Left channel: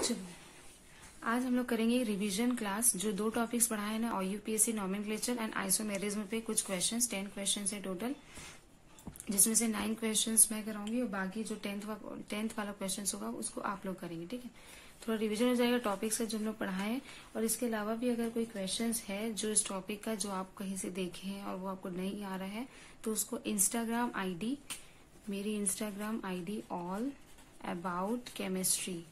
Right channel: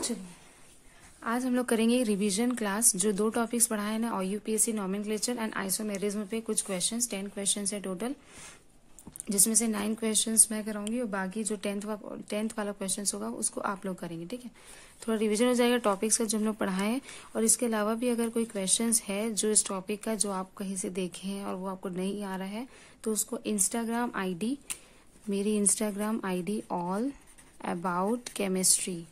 चलो आज हम लोग करेंगे रिवीजन क्लास। जो दो टॉपिक्स पढ़ाए ना, और यूपीएससी नॉमेनक्लेचर एंड आइसोमेरिज्म पे कुछ क्वेश्चंस, 10 क्वेश्चंस है टोटल, जिसमें से 9 क्वेश्चंस मैं कराऊंगी और बाकी जो 10th वाला क्वेश्चन होगा उसको आप लोग करेंगे। ठीक है, थोड़ा रिवीजन हो जाएगा टॉपिक्स का जो हम लोग पढ़ाए हैं। और इसके अलावा भी अगर कोई क्वेश्चंस है जो इस टॉपिक का जो आप कहीं से देखे हैं और वो आपको नहीं आ रहा है, तो उसको इंस्टाग्राम आईडी, मेरी Instagram ID all about chemistry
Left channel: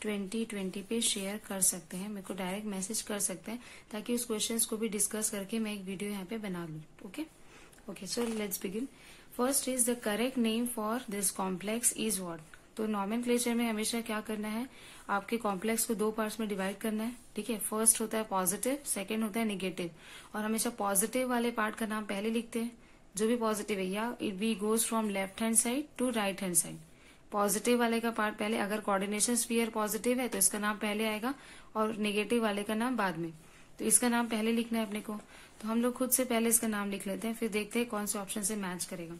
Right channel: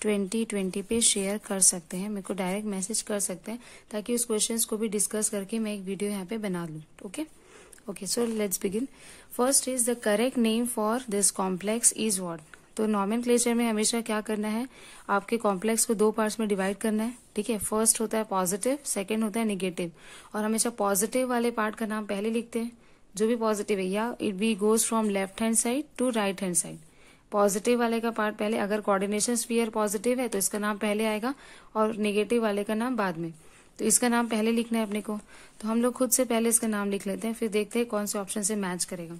2020 पे शेयर कर सकते हैं, मेरे को डायरेक्ट मैसेज कर सकते हैं, ताकि उस क्वेश्चंस को भी डिस्कस करके मैं एक वीडियो यहाँ पे बना लूँ। Okay, so let's begin. First is the correct name for this complex is what. तो नॉमेनक्लेचर में हमेशा क्या करना है, आपके कॉम्प्लेक्स को दो पार्ट्स में डिवाइड करना है। ठीक है, फर्स्ट होता है पॉजिटिव, सेकेंड होता है निगेटिव। और हमेशा पॉजिटिव वाले पार्ट का नाम पहले लिखते हैं, जो भी पॉजिटिव है, या it be goes from left hand side to right hand side. Positive वाले का पार्ट पहले, अगर कोऑर्डिनेशन स्फीयर पॉजिटिव है तो इसका नाम पहले आएगा और नेगेटिव वाले का नाम बाद में। तो इसका नाम पहले लिखना है अपने को, तो हम लोग खुद से पहले इसका नाम लिख लेते हैं, फिर देखते हैं कौन से ऑप्शन से मैच करेगा।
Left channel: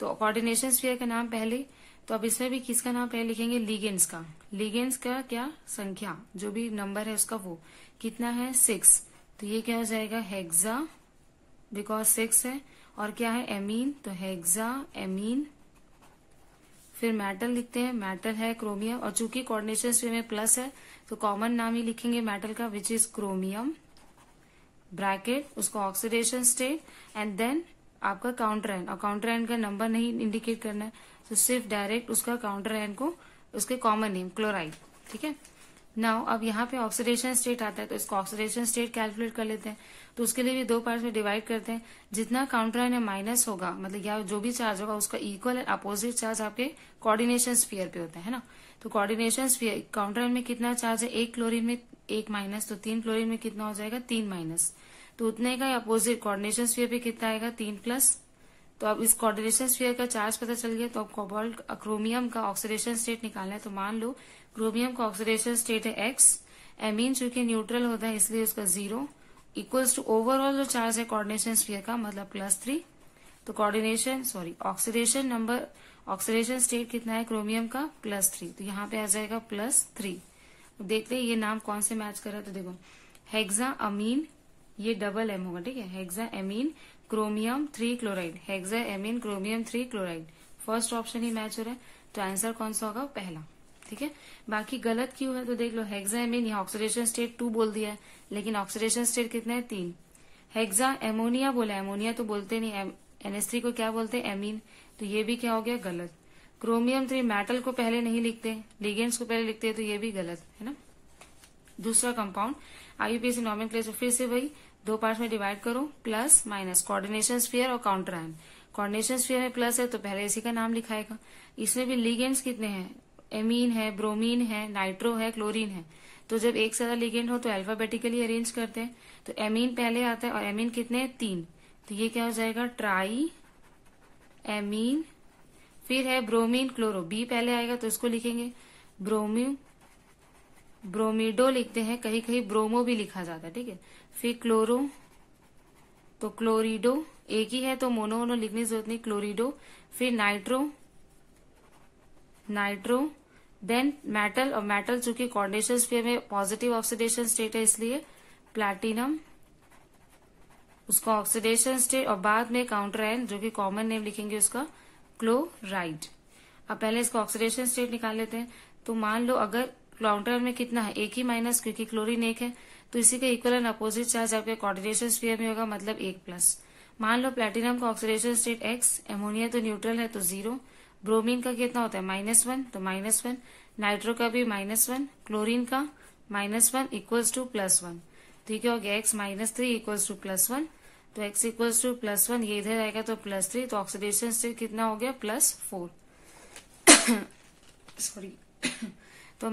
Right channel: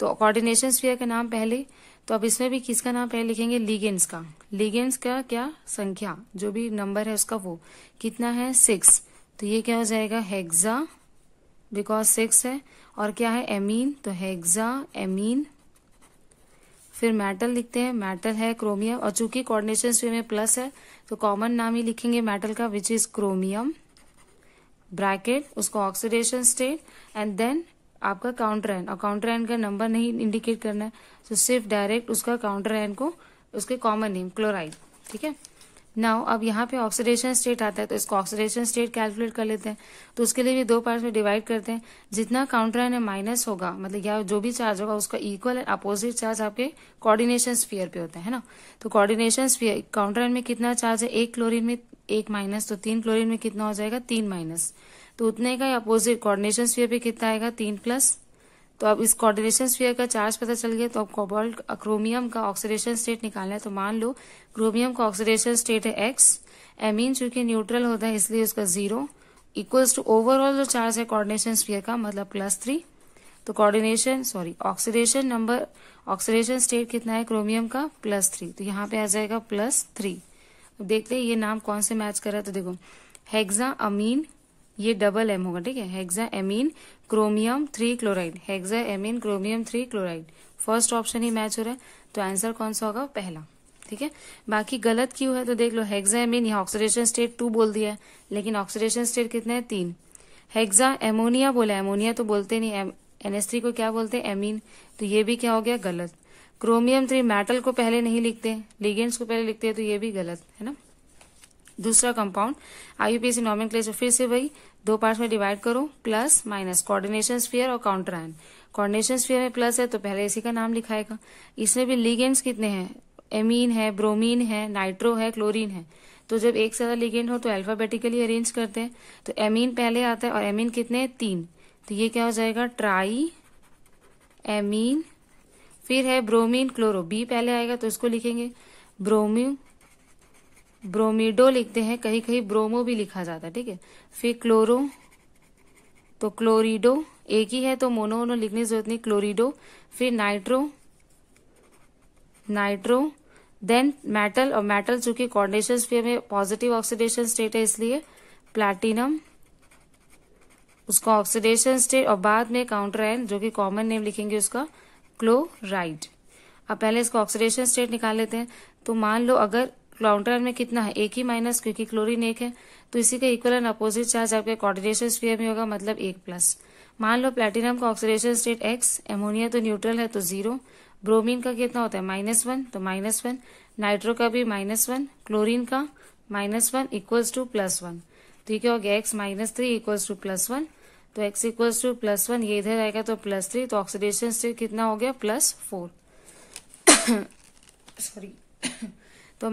तो कोऑर्डिनेशन स्फीयर का नाम पहले, तो अब इसमें भी किसका नाम पहले लिखेंगे, लिगेंड्स का। लिगेंड्स का क्या संख्या, जो भी नंबर है उसका वो कितना है, 6। तो ये क्या हो जाएगा, हेक्सा, बिकॉज 6 है। और क्या है, एमीन, तो हेक्सा एमीन। फिर मेटल लिखते हैं, मेटल है क्रोमियम, और चूंकि कोऑर्डिनेशन स्फीयर में प्लस है तो कॉमन नाम ही लिखेंगे मेटल का, विच इज क्रोमियम, ब्रैकेट, उसको ऑक्सीडेशन स्टेट, एंड देन आपका काउंटर आयन। और काउंटर आयन का नंबर नहीं इंडिकेट करना है, तो सिर्फ डायरेक्ट उसका काउंटर आयन को, उसके कॉमन नेम क्लोराइड। ठीक है, नाउ अब यहाँ पे ऑक्सीडेशन स्टेट आता है, तो इसको ऑक्सीडेशन स्टेट कैलकुलेट कर लेते हैं। तो उसके लिए भी दो पार्ट्स में डिवाइड करते हैं। जितना काउंटर आयन माइनस होगा, मतलब या जो भी चार्ज होगा, उसका इक्वल एंड अपोजिट चार्ज आपके कोऑर्डिनेशन स्फीयर पे होता है ना। तो कोऑर्डिनेशन स्फीयर काउंटर आयन में कितना चार्ज है, एक क्लोरीन में 1 माइनस, तो 3 क्लोरीन में कितना हो जाएगा, 3 माइनस। तो उतने का अपोजिट कोऑर्डिनेशन स्फीयर पे कितना आएगा, 3 प्लस। तो अब इस कोऑर्डिनेशन स्फीयर का चार्ज पता चल गया, तो अब कोबाल्ट क्रोमियम का ऑक्सीडेशन स्टेट निकालना है। तो मान लो क्रोमियम का ऑक्सीडेशन स्टेट है X, एमीन चूंकि न्यूट्रल होता है इसलिए उसका 0, इक्वल्स टू ओवरऑल जो चार्ज है कोऑर्डिनेशन स्फीयर का, मतलब +3। तो ऑक्सीडेशन स्टेट कितना है क्रोमियम का, +3। तो यहाँ पे आ जाएगा +3। देखते हैं ये नाम कौन से मैच कर रहा है। तो देखो, हेक्सा अमीन, ये डबल M होगा। ठीक है, hexaammine chromium 3 chloride, hexaammine chromium 3 chloride, first option ही मैच हो रहा है। तो आंसर कौन सा होगा, पहला। ठीक है, बाकी गलत क्यों है, तो देख लो, हेक्सा एमीन यहाँ ऑक्सीडेशन स्टेट 2 बोल दिया है, लेकिन ऑक्सीडेशन स्टेट कितना है, 3। हेक्सा एमोनिया बोला, एमोनिया तो बोलते नहीं, NH3 को क्या बोलते हैं, एमीन। तो ये भी क्या हो गया, गलत। क्रोमियम 3 मेटल को पहले नहीं लिखते, लिगेंड्स को पहले लिखते हैं, तो ये भी गलत है ना। दूसरा कंपाउंड आईयूपीएसी नॉमेनक्लेचर, फिर से वही दो पार्ट में डिवाइड करो, प्लस माइनस, कोऑर्डिनेशन स्फीयर और काउंटर आयन। कोऑर्डिनेशन स्फीयर में प्लस है तो पहले इसी का नाम लिखाएगा। इसमें भी लिगेंड्स कितने हैं, एमीन है, ब्रोमीन है, नाइट्रो है, क्लोरीन है। तो जब एक से ज्यादा लिगेंड हो तो अल्फाबेटिकली अरेंज करते हैं। तो एमीन पहले आता है, और एमीन कितने हैं, 3। तो ये क्या हो जाएगा, ट्राई एमीन। फिर है ब्रोमीन क्लोरो, बी पहले आएगा तो उसको लिखेंगे ब्रोमीडो लिखते हैं, कहीं कहीं ब्रोमो भी लिखा जाता है। ठीक है, फिर क्लोरो, तो क्लोरिडो, एक ही है तो मोनो लिखने की जरूरत नहीं, क्लोरिडो। फिर नाइट्रो, देन मेटल, और मेटल चूंकि कोऑर्डिनेशन स्फीयर में पॉजिटिव ऑक्सीडेशन स्टेट है इसलिए प्लैटिनम, उसका ऑक्सीडेशन स्टेट, और बाद में काउंटर आयन जो कि कॉमन नेम लिखेंगे उसका क्लोराइड। अब पहले इसका ऑक्सीडेशन स्टेट निकाल लेते हैं। तो मान लो अगर काउंटर आयन में कितना है, 1 ही माइनस, क्योंकि क्लोरीन 1 है, तो इसी का इक्वल एंड अपोजिट चार्ज आपके कोऑर्डिनेशन स्फीयर में होगा, मतलब 1 प्लस। मान लो प्लैटिनम का ऑक्सीडेशन स्टेट X, एमोनिया तो न्यूट्रल है तो 0, ब्रोमीन का कितना होता है, -1, तो -1, नाइट्रो का भी -1, क्लोरीन का -1 इक्वल्स टू +1। तो क्या हो गया, X -3 इक्वल्स टू +1, तो X इक्वल्स टू +1, ये इधर आएगा तो +3, तो ऑक्सीडेशन स्टेट कितना हो गया, +4। सॉरी तो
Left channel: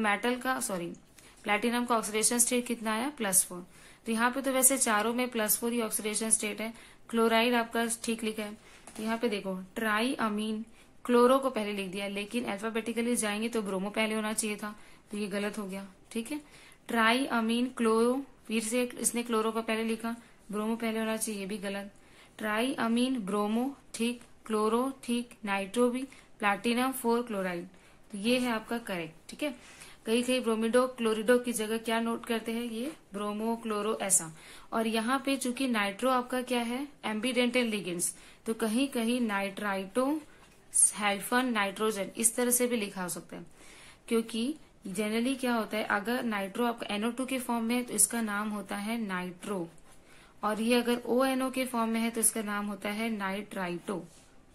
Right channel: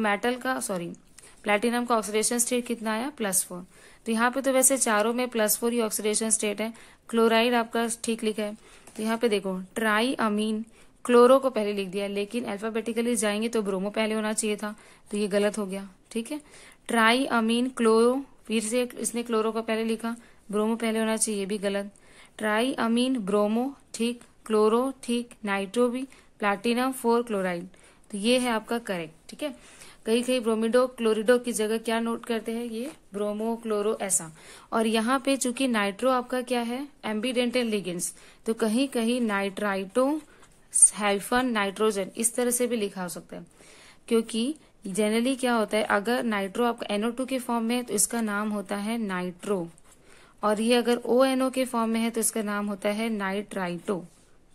प्लैटिनम का ऑक्सीडेशन स्टेट कितना आया, +4। तो यहाँ पे तो वैसे चारों में +4 ही ऑक्सीडेशन स्टेट है। क्लोराइड आपका ठीक लिखा है। तो यहाँ पे देखो, ट्राई अमीन, क्लोरो को पहले लिख दिया, लेकिन अल्फाबेटिकली जाएंगे तो ब्रोमो पहले होना चाहिए था, तो ये गलत हो गया। ठीक है, ट्राई अमीन क्लोरो, फिर से उसने क्लोरो को पहले लिखा, ब्रोमो पहले होना चाहिए, ये भी गलत। ट्राई अमीन ब्रोमो ठीक, क्लोरो ठीक, नाइट्रो भी, प्लाटिनम 4 क्लोराइड। तो ये है आपका करेक्ट, ठीक है। कहीं कहीं ब्रोमिडो क्लोरिडो की जगह क्या नोट करते हैं, ये ब्रोमो क्लोरो ऐसा। और यहाँ पे चूंकि नाइट्रो आपका क्या है, एम्बीडेंटल लिगेंड्स, तो कहीं कहीं नाइट्राइटो हाइफन नाइट्रोजन इस तरह से भी लिखा हो सकता है, क्योंकि जनरली क्या होता है, अगर नाइट्रो आपका NO2 के फॉर्म में है तो इसका नाम होता है नाइट्रो, और ये अगर ONO के फॉर्म में है तो इसका नाम होता है नाइट्राइटो,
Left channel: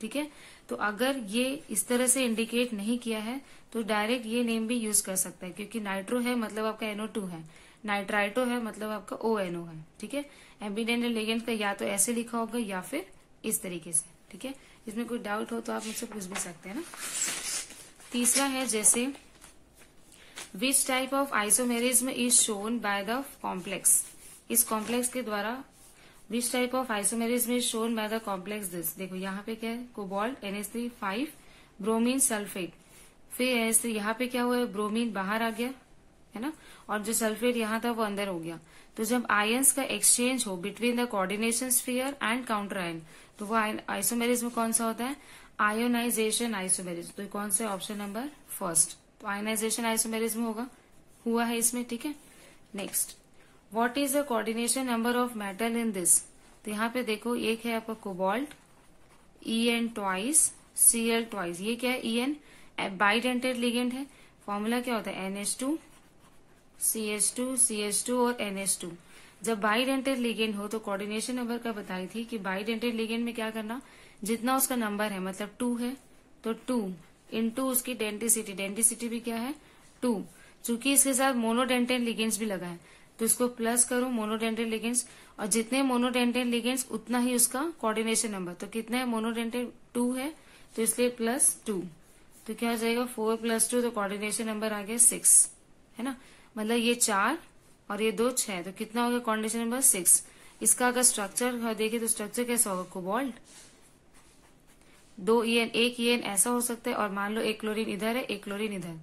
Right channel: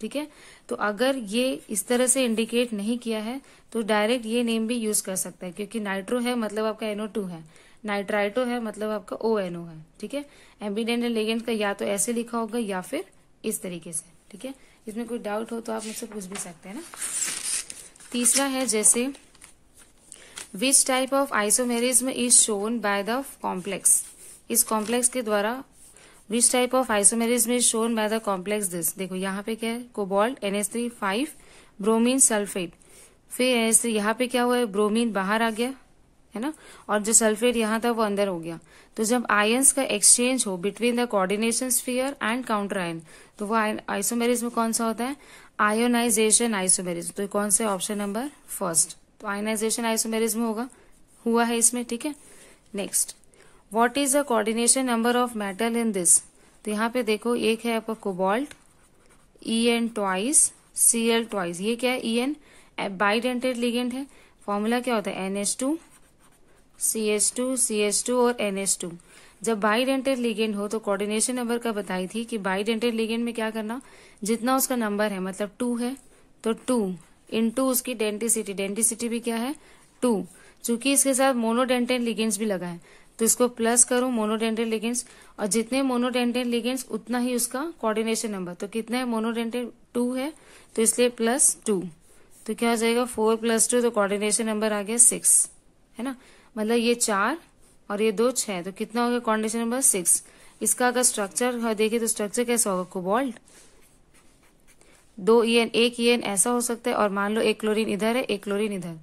ठीक है। तो अगर ये इस तरह से इंडिकेट नहीं किया है तो डायरेक्ट ये नेम भी यूज कर सकता है, क्योंकि नाइट्रो है मतलब आपका NO2 है, नाइट्राइटो है मतलब आपका ONO है, ठीक है। एम्बीडेंटल लिगेंड का या तो ऐसे लिखा होगा या फिर इस तरीके से, ठीक है। इसमें कोई डाउट हो तो आप मुझसे पूछ भी सकते हैं ना। तीसरा है जैसे which type of isomerism is shown by the complex, इस कॉम्प्लेक्स के द्वारा which type of isomerism is shown by the complex this. देखो यहाँ पे क्या है, कोबाल्ट NH3 5 ब्रोमीन सल्फेट, फिर NH3 यहाँ पे क्या हुआ है, ब्रोमीन बाहर आ गया है ना, और जो सल्फेट यहाँ था वो अंदर हो गया। तो जब आयंस का एक्सचेंज हो between the coordination sphere and counter ion, तो वो आइसोमेरिज्म कौन सा होता है, आयोनाइजेशन आइसोमेरिज्म। तो कौन से, ऑप्शन नंबर फर्स्ट, तो आयोनाइजेशन आइसोमेरिज्म होगा, हुआ है इसमें, ठीक है। Next, what is the coordination number of metal in this. तो यहाँ पे देखो एक है आपका cobalt En twice Cl twice, ये क्या है En बाइडेंटेड लिगेंड है, फॉर्मूला क्या होता है NH2 CH2 CH2 और NH2। जब बाइडेंटेड लिगेंड हो तो कोऑर्डिनेशन नंबर का बताई थी कि बाइडेंटेड लिगेंड में क्या करना, जितना उसका नंबर है मतलब 2 है तो 2 इंटू उसकी डेंटिसिटी, डेंटिसिटी भी क्या है 2, चूंकि इसके साथ मोनोडेंटेड लिगेंड्स भी लगा है तो इसको प्लस करो मोनोडेंटेड लिगेंड्स, और जितने मोनोडेंटेड लिगेंड्स उतना ही उसका कोऑर्डिनेशन नंबर। तो कितने मोनोडेंटेड 2 है तो इसलिए +2, तो क्या हो जाएगा 4 + 2, तो कोऑर्डिनेशन नंबर आ गया 6, है ना। मतलब ये 4 और ये 2 6, तो कितना हो गया कोऑर्डिनेशन नंबर 6। इसका अगर स्ट्रक्चर देखिए तो स्ट्रक्चर कैसा होगा, कोबाल्ट 2 En 1 En ऐसा हो सकता है, और मान लो एक क्लोरीन इधर है एक क्लोरीन इधर,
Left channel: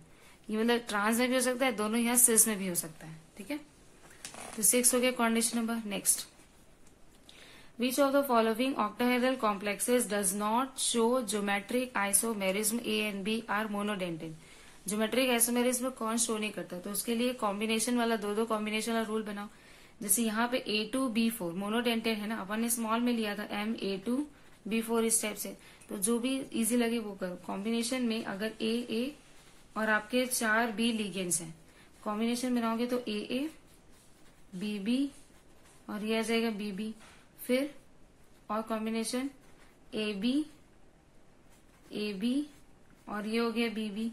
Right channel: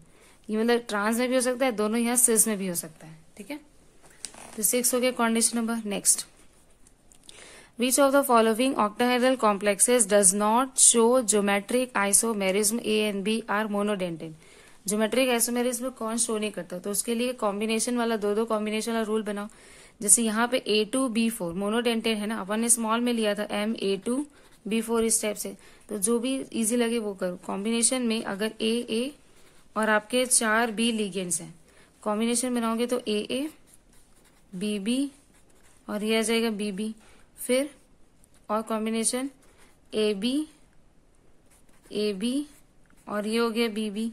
ये मतलब ट्रांस में भी हो सकता है, दोनों यहाँ सिस में भी हो सकता है, ठीक है। तो 6 हो गया coordination number. Next, which of the following octahedral complexes does not show geometric isomerism A and B are monodentate. Geometric isomerism कौन शो नहीं करता, तो उसके लिए कॉम्बिनेशन वाला दो कॉम्बिनेशन वाला रूल बनाओ। जैसे यहाँ पे A2B4 मोनोडेंटेड है ना, अपन ने स्मॉल में लिया था MA2B4 इस टाइप से, तो जो भी इजी लगे वो करो। कॉम्बिनेशन में अगर AA और आपके 4 B लिगेंड्स हैं, कॉम्बिनेशन बनाओगे तो AA BB और ये आ जाएगा BB, फिर और कॉम्बिनेशन AB और ये हो गया BB,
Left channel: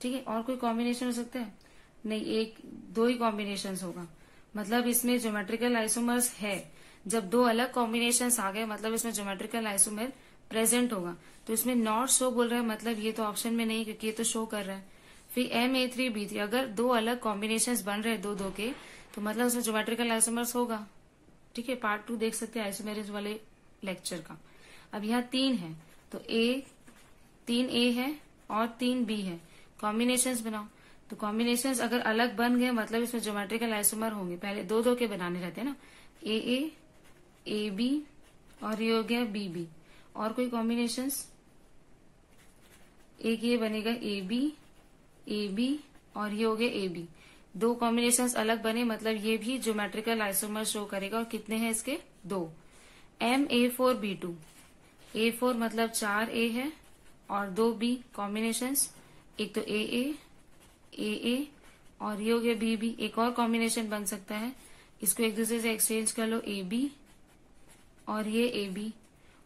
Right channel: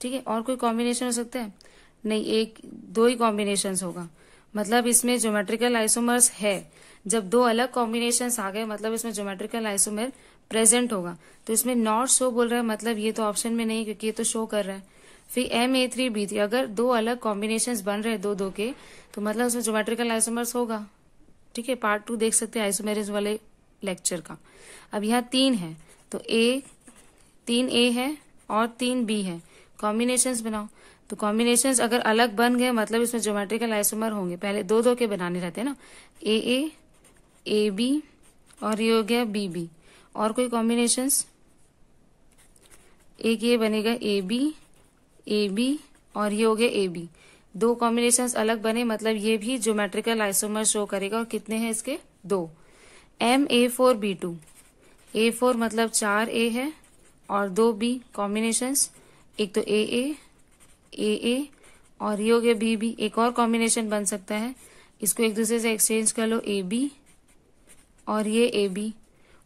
ठीक है। और कोई कॉम्बिनेशन हो सकता है नहीं, एक दो ही कॉम्बिनेशन होगा, मतलब इसमें ज्योमेट्रिकल आइसोमर्स है। जब दो अलग कॉम्बिनेशंस आ गए मतलब इसमें ज्योमेट्रिकल आइसोमर प्रेजेंट होगा। तो इसमें नॉट शो बोल रहा है, मतलब ये तो ऑप्शन में नहीं, क्योंकि ये तो शो कर रहा है। फिर MA3B3, अगर दो अलग कॉम्बिनेशंस बन रहे हैं दो के, तो मतलब इसमें ज्योमेट्रिकल आइसोमर्स होगा, ठीक है। पार्ट 2 देख सकते हैं आइसोमेरिज्म वाले लेक्चर का। अब यहाँ 3 है तो 3A है और 3B है, कॉम्बिनेशंस बनाओ। तो कॉम्बिनेशंस अगर अलग बन गए मतलब इसमें ज्योमेट्रिकल आइसोमर होंगे। पहले दो के बनाने रहते हैं ना, AA AB और ये हो गया BB। और कोई कॉम्बिनेशंस, एक ये बनेगा AB और ये हो गया AB। दो कॉम्बिनेशंस अलग बने मतलब ये भी ज्योमेट्रिकल आइसोमर शो करेगा। और कितने हैं इसके, 2। MA4B2, A4 मतलब 4A है और 2B कॉम्बिनेशंस, एक तो AA और ये हो गया BB। एक और कॉम्बिनेशन बन सकता है, इसको एक दूसरे से एक्सचेंज कर लो, AB और ये AB।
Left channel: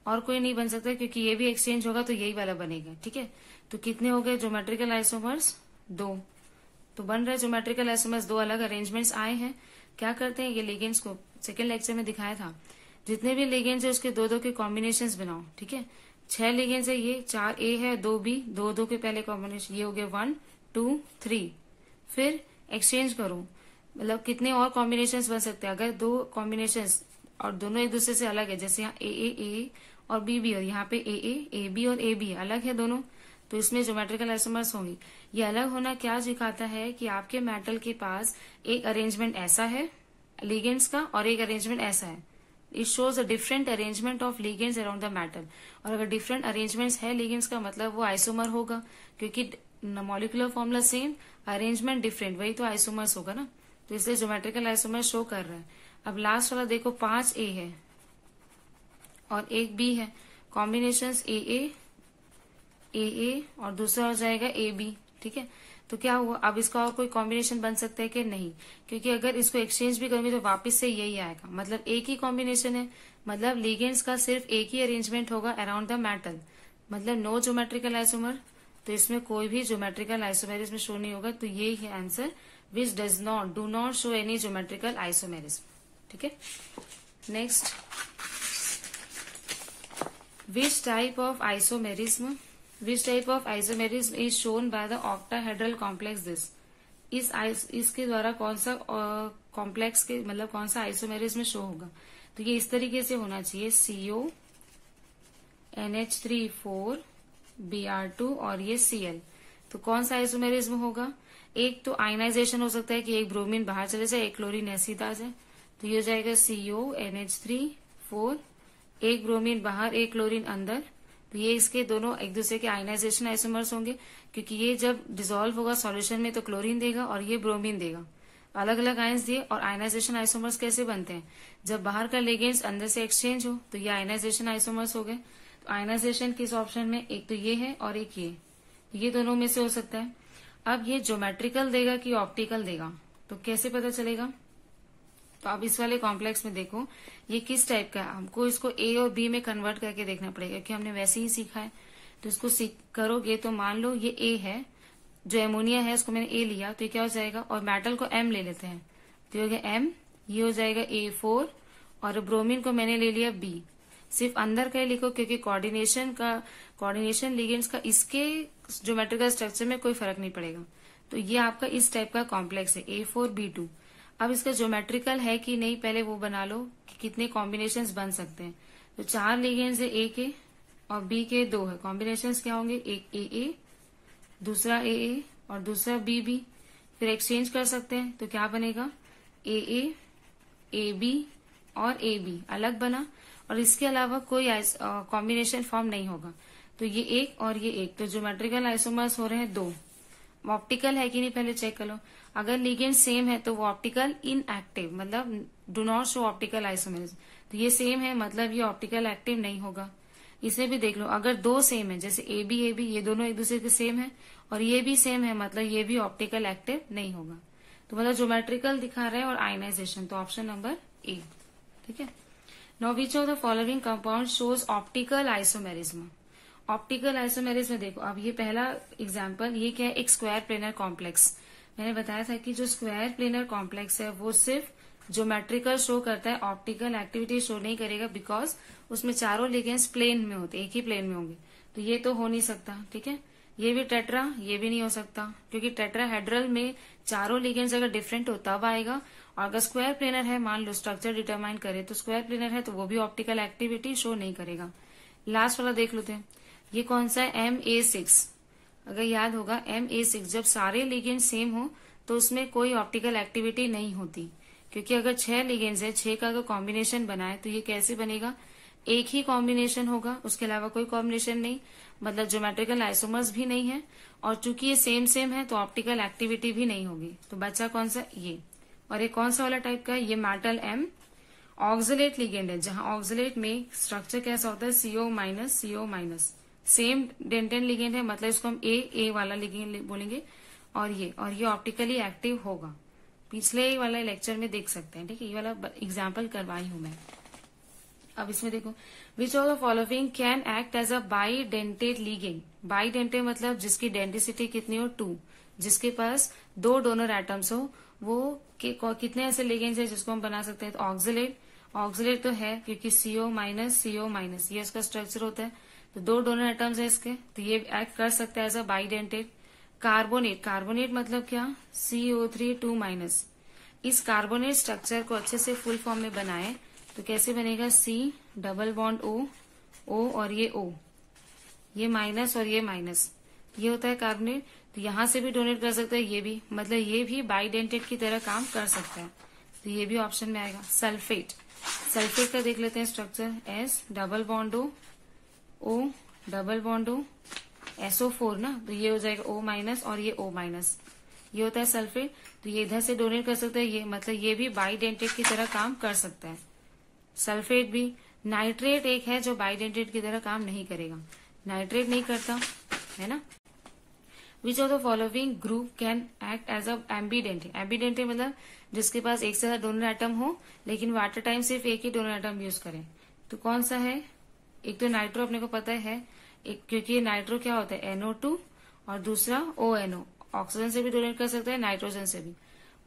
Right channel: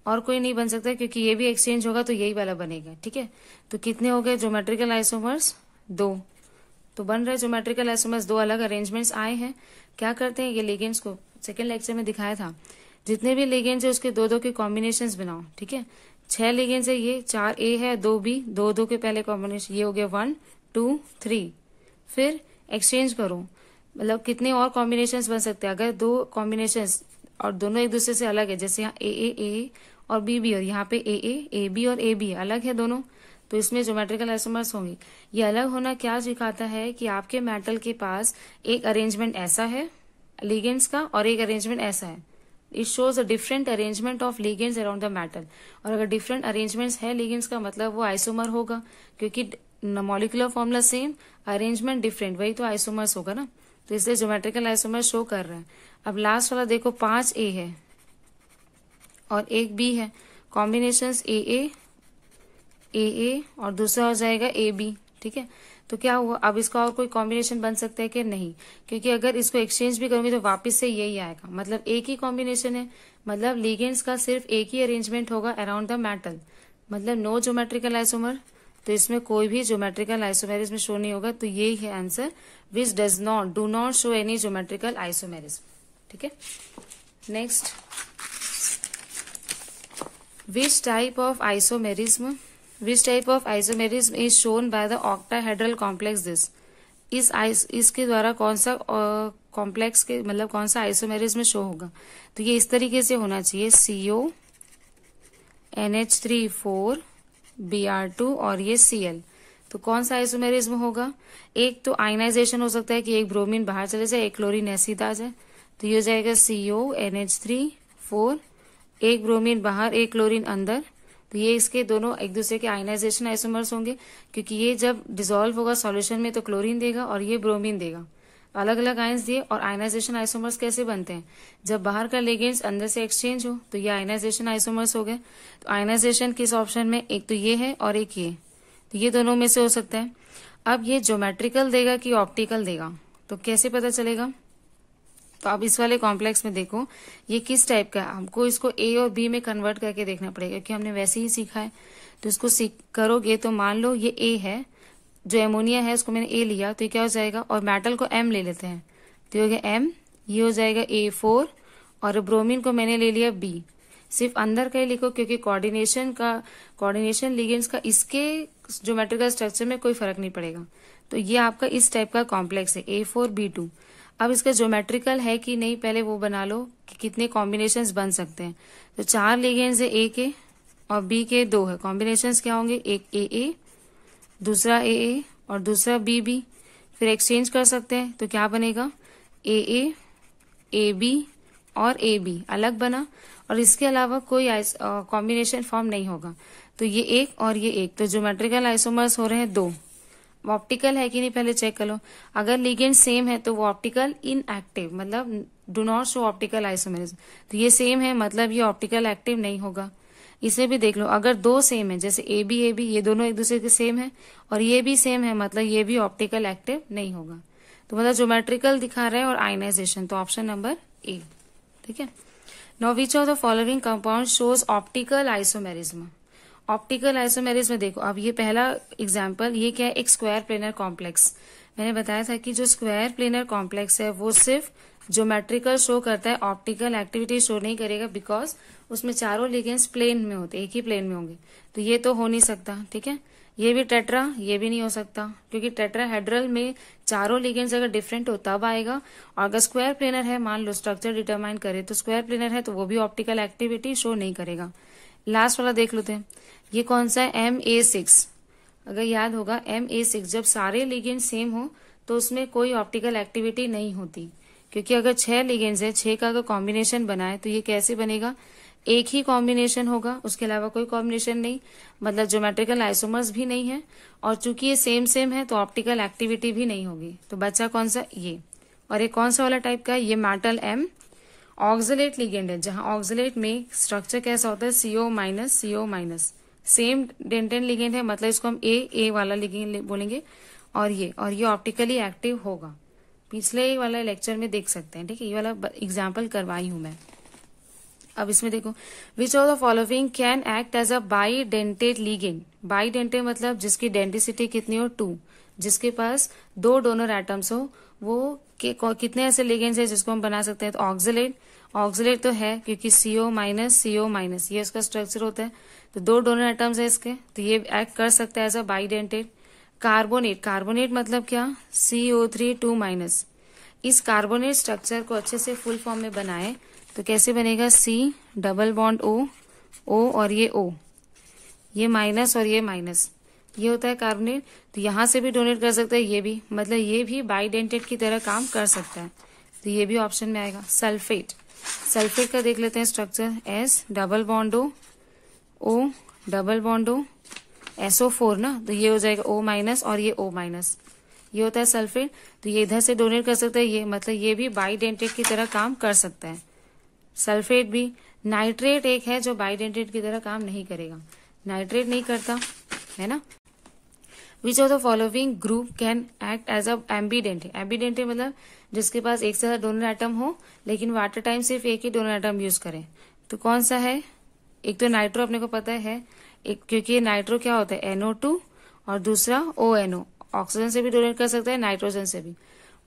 और कोई नहीं बन सकता क्योंकि ये भी एक्सचेंज होगा तो यही वाला बनेगा, ठीक है। तो कितने हो गए ज्योमेट्रिकल आइसोमर्स, 2। तो बन रहे ज्योमेट्रिकल आइसोमर्स, 2 अलग अरेंजमेंट्स आए हैं। क्या करते हैं, ये लिगेंड्स को सेकंड लेक्चर में दिखाया था, जितने भी लिगेंड्स है उसके दो के कॉम्बिनेशंस बनाओ, ठीक है। 6 लिगेंड्स है, ये 4A है 2B, दो के पहले कॉम्बिनेशन, ये हो गया 1 2 3। फिर एक्सचेंज करो, मतलब कितने और कॉम्बिनेशंस बन सकते हैं। अगर 2 कॉम्बिनेशंस और दोनों एक दूसरे से अलग है, जैसे यहाँ AA और BB और यहाँ पे AA AB और AB अलग है दोनों, तो इसमें ज्योमेट्रिकल आइसोमर्स होंगे। ये अलग होना क्या दिखाता है कि आपके मेटल के पास एक अरेंजमेंट ऐसा है लिगेंड्स का और एक अरेंजमेंट ऐसा है it shows a different arrangement of ligands around the metal. और अगर डिफरेंट अरेंजमेंट्स है लिगेंड्स का मतलब वो आइसोमर होगा, क्योंकि molecular formula same, arrangement different, वही तो आइसोमर्स होगा ना। तो इसलिए ज्योमेट्रिकल आइसोमर शो कर रहा है। अब लास्ट वाला देखो 5A है और एक B है, कॉम्बिनेशंस AA और दूसरा हो जाएगा AB, ठीक है। तो क्या हुआ, अब इसका और कोई कॉम्बिनेशन बन सकता है कि नहीं, क्योंकि अगर इसको एक्सचेंज भी करोगे तो वापस से यही आएगा, मतलब एक ही कॉम्बिनेशन है, मतलब लिगेंड्स का सिर्फ एक ही अरेंजमेंट होगा अराउंड द मेटल, मतलब नो ज्योमेट्रिकल आइसोमर। तो इसमें कोई भी ज्योमेट्रिकल आइसोमेरिज्म शो नहीं होगा। तो ये है answer, which do not show any geometrical isomerism, ठीक है। Next, which type of isomerism is shown by the octahedral complex this. इसके द्वारा कौन सा कॉम्प्लेक्स के मतलब कौन सा आइसोमेरिज्म शो होगा। तो ये इस तरीके से होना चाहिए, CO NH3 4Br2 और ये Cl। तो कौन सा आइसोमेरिज्म होगा, एक तो आयनाइजेशन हो सकता है कि एक ब्रोमीन बाहर चले जाए, एक क्लोरीन ऐसी आ जाए, तो ये हो जाएगा CO NH3 4, एक ब्रोमीन बाहर एक क्लोरीन अंदर। तो ये इसके दोनों एक दूसरे के आयनाइजेशन आइसोमर्स होंगे, क्योंकि ये जब डिसॉल्व होगा सॉल्यूशन में तो क्लोरीन देगा और ये ब्रोमीन देगा, अलग अलग आयंस दिए। और आयनाइजेशन आइसोमर्स कैसे बनते हैं, जब बाहर का लिगेंड्स अंदर से एक्सचेंज हो, तो ये आयनाइजेशन आइसोमर्स हो गए। तो आयनाइजेशन किस ऑप्शन में, एक तो ये है और एक ये, तो ये दोनों में से हो सकता है। अब ये ज्योमेट्रिकल देगा कि ऑप्टिकल देगा, तो कैसे पता चलेगा। तो अब इस वाले कॉम्प्लेक्स में देखो ये किस टाइप का है, हमको इसको A और B में कन्वर्ट करके देखना पड़ेगा, क्योंकि हमने वैसे ही सीखा है। तो इसको करोगे तो मान लो ये A है, जो एमोनिया है उसको मैंने A लिया, तो ये क्या हो जाएगा, और मेटल को M ले लेते हैं, तो ये हो गया M, ये हो जाएगा A4, और ब्रोमीन को मैंने ले लिया B। सिर्फ अंदर का ही लिखो, क्योंकि कोऑर्डिनेशन लिगेंड्स का इसके ज्योमेट्रिकल स्ट्रक्चर में कोई फर्क नहीं पड़ेगा। तो ये आपका इस टाइप का कॉम्प्लेक्स है A4B2। अब इसका ज्योमेट्रिकल है कि नहीं पहले वो बना लो कि कितने कॉम्बिनेशंस बन सकते हैं। तो 4 लिगेंड्स है A के और B के 2 है, कॉम्बिनेशंस क्या होंगे, एक AA, दूसरा AA और दूसरा BB। फिर एक्सचेंज कर सकते हैं, तो क्या बनेगा, AA AB और AB अलग बना, और इसके अलावा कोई कॉम्बिनेशन फॉर्म नहीं होगा। तो ये एक और ये एक, तो ज्योमेट्रिकल आइसोमर्स हो रहे हैं 2। ऑप्टिकल है कि नहीं पहले चेक कर लो, अगर लिगेंड सेम है तो वो ऑप्टिकल इनएक्टिव, मतलब do not show optical isomerism. तो ये सेम है मतलब ये ऑप्टिकल एक्टिव नहीं होगा। इसे भी देख लो, अगर 2 सेम है जैसे AB ये दोनों एक दूसरे के सेम है, और ये भी सेम है मतलब ये भी ऑप्टिकल एक्टिव नहीं होगा। तो मतलब ज्योमेट्रिकल दिखा रहा है और आयनाइजेशन, तो ऑप्शन नंबर A, ठीक है। Now which of the following compound shows optical isomerism. Optical isomerism देखो, अब ये पहला एग्जांपल, ये क्या है, एक स्क्वायर प्लेनर कॉम्प्लेक्स। मैंने बताया था कि जो स्क्वायर प्लेनर कॉम्प्लेक्स है वो सिर्फ ज्योमेट्रिकल शो करता है, ऑप्टिकल एक्टिविटी शो नहीं करेगा, बिकॉज उसमें चारों लिगेंड्स प्लेन में होते, एक ही प्लेन में होंगे। तो ये तो हो नहीं सकता, ठीक है। ये भी टेट्रा, ये भी नहीं हो सकता, क्योंकि टेट्राहेड्रल में चारों लिगेंड्स अगर डिफरेंट हो तब आएगा। और अगर स्क्वायर प्लेनर है, मान लो स्ट्रक्चर डिटरमाइन करे, तो स्क्वायर प्लेनर है तो वो भी ऑप्टिकल एक्टिविटी शो नहीं करेगा। लास्ट वाला देख लेते हैं, ये कौन सा है, MA6। अगर याद होगा MA6, जब सारे लिगेंड सेम हो तो उसमें कोई ऑप्टिकल एक्टिविटी नहीं होती, क्योंकि अगर 6 लिगेंड्स है, 6 का अगर कॉम्बिनेशन बनाए तो ये कैसे बनेगा, एक ही कॉम्बिनेशन होगा, उसके अलावा कोई कॉम्बिनेशन नहीं, मतलब ज्योमेट्रिकल आइसोमर्स भी नहीं है। और चूंकि ये सेम है तो ऑप्टिकल एक्टिविटी भी नहीं होगी। तो बच्चा कौन सा, ये। और ये कौन सा वाला टाइप का है, ये मेटल M ऑक्सलेट लिगेंड है, जहां ऑक्सलेट में स्ट्रक्चर कैसा होता है, CO-CO-, सेम डेंटेन लिगेंड है, मतलब इसको हम A वाला लिगेंड बोलेंगे। और ये ऑप्टिकली एक्टिव होगा, पिछले वाला लेक्चर में देख सकते हैं, ठीक है। ये वाला एग्जाम्पल करवाई हूं मैं। अब इसमें देखो, which of the following can act as a bidentate ligand. Bidentate मतलब जिसकी डेंटिसिटी कितनी हो, 2, जिसके पास 2 डोनर एटम्स हो, वो कितने ऐसे लिगेंड्स है जिसको हम बना सकते हैं। तो ऑक्सलेट तो है, क्योंकि CO-CO- ये उसका स्ट्रक्चर होता है, तो 2 डोनर एटम्स है इसके, तो ये एक्ट कर सकता है एज अ बाइडेंटेड। कार्बोनेट मतलब क्या, CO3 2-। इस कार्बोनेट स्ट्रक्चर को अच्छे से फुल फॉर्म में बनाए तो कैसे बनेगा, C डबल बॉन्ड O और ये O, ये माइनस और ये माइनस, ये होता है कार्बोनेट। तो यहां से भी डोनेट कर सकता है, ये भी, मतलब ये भी बाइडेंटेड की तरह काम कर सकता है। तो ये भी ऑप्शन में आएगा। सल्फेट का देख लेते हैं structure, S double bond O double bond O SO4 ना, तो ये हो जाएगा O माइनस और ये O माइनस, ये होता है सल्फेट। तो ये इधर से डोनेट कर सकता है, ये मतलब ये भी बाइडेंटेट की तरह काम कर सकता है, सल्फेट भी। नाइट्रेट एक है जो बाइडेंटेट की तरह काम नहीं करेगा, नाइट्रेट नहीं करता है ना। Which of the following group can act as a ambidentate, ambidentate मतलब जिसके पास एक से ज्यादा डोनर एटम हो लेकिन वाटर टाइम सिर्फ एक ही डोनर एटम यूज करे, तो कौन सा है? एक तो नाइट्रो अपने को पता है एक, क्योंकि नाइट्रो क्या होता है NO2 और दूसरा ONO, ऑक्सीजन से भी डोनेट कर सकता है, नाइट्रोजन से भी।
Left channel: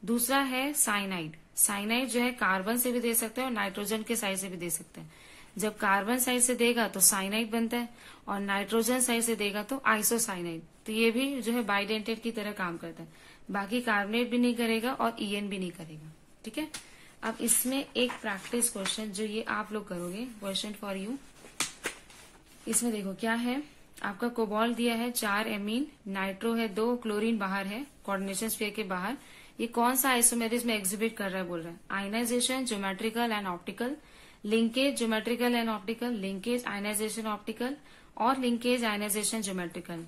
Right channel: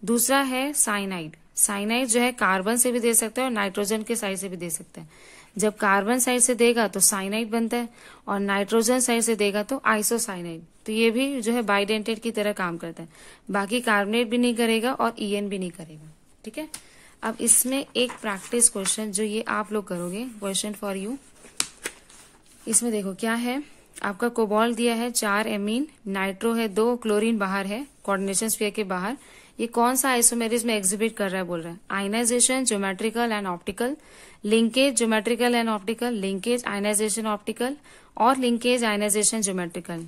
दूसरा है साइनाइड, साइनाइड जो है कार्बन से भी दे सकता है और नाइट्रोजन के साइड से भी दे सकता है। जब कार्बन साइड से देगा तो साइनाइड बनता है और नाइट्रोजन साइड से देगा तो आइसोसाइनाइड, तो ये भी जो है बाइडेंटेट की तरह काम करता है। बाकी कार्बोनेट भी नहीं करेगा और EN भी नहीं करेगा, ठीक है। अब इसमें एक प्रैक्टिस क्वेश्चन जो ये आप लोग करोगे, क्वेश्चन फॉर यू। इसमें देखो क्या है, आपका कोबाल्ट दिया है 4 एमीन, नाइट्रो है 2, क्लोरीन बाहर है कोऑर्डिनेशन स्फीयर के बाहर। ये कौन सा आइसोमेरिज में एग्जिबिट कर रहा है बोल रहा है? Ionisation, geometrical and optical, linkage geometrical and optical, linkage ionisation optical और लिंकेज आयनाइजेशन ज्योमेट्रिकल।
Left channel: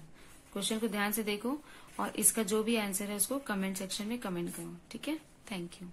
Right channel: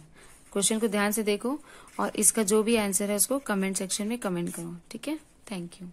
क्वेश्चन को ध्यान से देखो और इसका जो भी आंसर है उसको कमेंट सेक्शन में कमेंट करो, ठीक है। Thank you.